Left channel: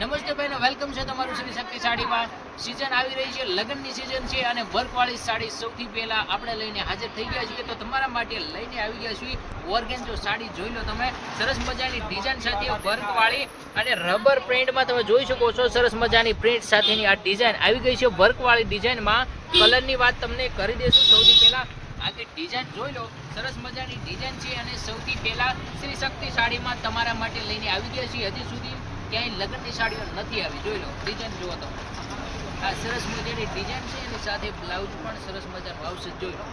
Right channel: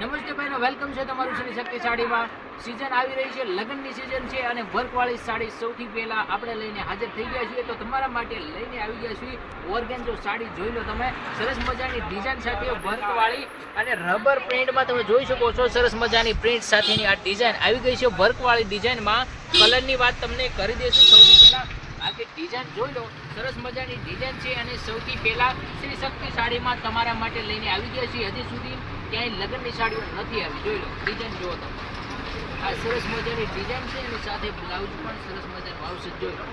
નમસ્તે ભાઈનો વેલકમ છે તમારું શ્રી શક્તિ સાડીમાં. સિઝન આવી રહી છે, લગ્નની સિઝન છે અને વર્કવાળી સાડી સૌથી પહેલા આપણે લઈને હાજર થઈ ગયા છીએ. તો તમારા માટે લઈને આવી ગયા છીએ ઓર્ગેન્જો સાડી. જોઈ લો તમે, સરસ મજાની ડિઝાઇન સાથે વર્કવાળી અને રબર પ્રિન્ટમાં તમે જોઈ શકો છો. સરસ મજાની પ્રિન્ટ સાથેની આ ડિઝાઇન આવી ગઈ છે વર્કવાળી ડિઝાઇનમાં. કલરની વાત તમને કરી દઈશું. સૌથી પહેલા આખી ડિઝાઇન જોઈ લો, સરસ મજાની ડિઝાઇન છે અને સૌથી પહેલા શ્રી શક્તિ સાડીમાં તમારા માટે લઈને આવી ગયા છીએ. હજી સુધી ક્યાંય લગ્નની સાડીઓ નથી આવી. જોઈ લો ડિઝાઇન જુઓ તમે, આ સરસ મજાની ડિઝાઇન છે એની સાથે બ્લાઉઝ પણ સરસ મજાનું આવશે. જોઈ લો,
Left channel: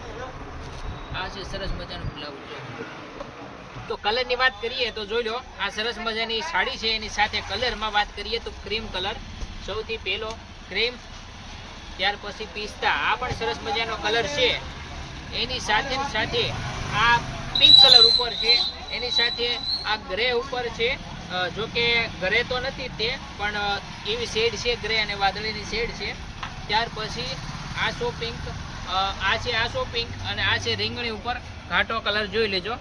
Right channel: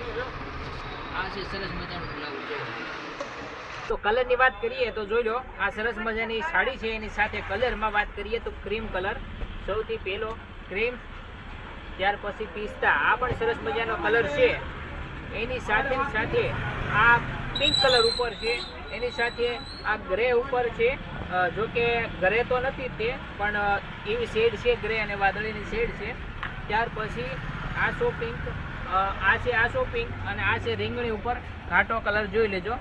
આ છે સરસ મજાનું બ્લાઉઝ. તો કલરની વાત કરીએ તો જોઈ લો, આ સરસ મજાની સાડી છે. એની સાથે કલરમાં વાત કરીએ તો ક્રીમ કલર સૌથી પહેલો, ક્રીમ, ત્યાર પછી પિસ્તા, આ પણ સરસ મજાનો કલર છે. એની સાથે આ પિંક કલર ઉપર છે. એની સાથે આ ગ્રે ઉપર છે. જો કે ગ્રે તો નથી તે, પણ એવી શેડ છે, ગ્રે અને વાદળીની શેડ છે. ત્યાર પછી આ સો પિંક, આ છે આ સો પિંક અને આ છે રીંગણી ઉપર ઘાટો કલર. જોઈ લેજો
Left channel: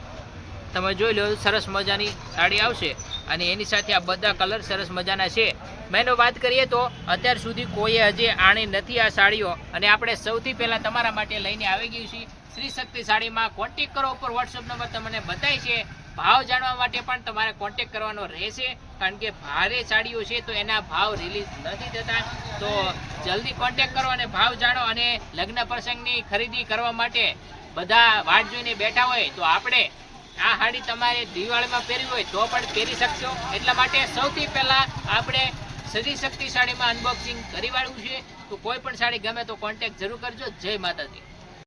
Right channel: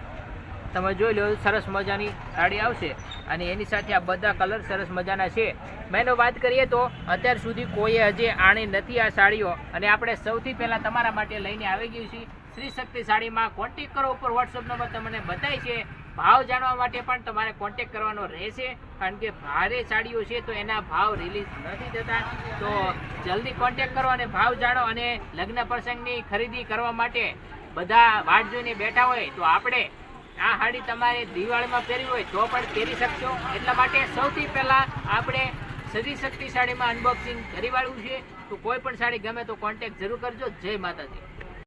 તમે, જોઈ લો સરસ મજાની સાડી આવશે અને એની સાથે આ બધા કલર સરસ મજાના છે. મેનો વાત કરીએ તો અત્યાર સુધી કોઈએ હજી આણી નથી આ સાડીઓ, અને આપણે સૌથી પહેલાં તમારા માટે લઈને આવી ગઈ છીએ શ્રી શક્તિ સાડીમાં. કોન્ટેક કરો, ઉપર વોટ્સઅપ નંબર તમને બતાવી છે. ભાવ જાણવા માટે પણ તમારે કોન્ટેક કરવાનો રહેશે, કારણ કે ભારે સાડીઓ છે તો એના ભાવ રિલીઝ નથી થતા. તો જલ્દી કોન્ટેક કરો અને ભાવ જાણો. અને લગ્ન પ્રસંગની ખરીદી કરવા માટે બધા વાટ જોઈને બેઠા હોય તો આપણે આ સાડી તમારે દિવાળીમાં પહેરવી હોય તો પણ પહેરી શકશો. એટલા માટે સૌથી પહેલાં આપણે શ્રી શક્તિ સાડીમાં અનબોક્સિંગ કરી વાળવું છે. તો કોઈ પણ સાડી ગમે તો કોન્ટેક જરૂર કરજો. જય માતાજી.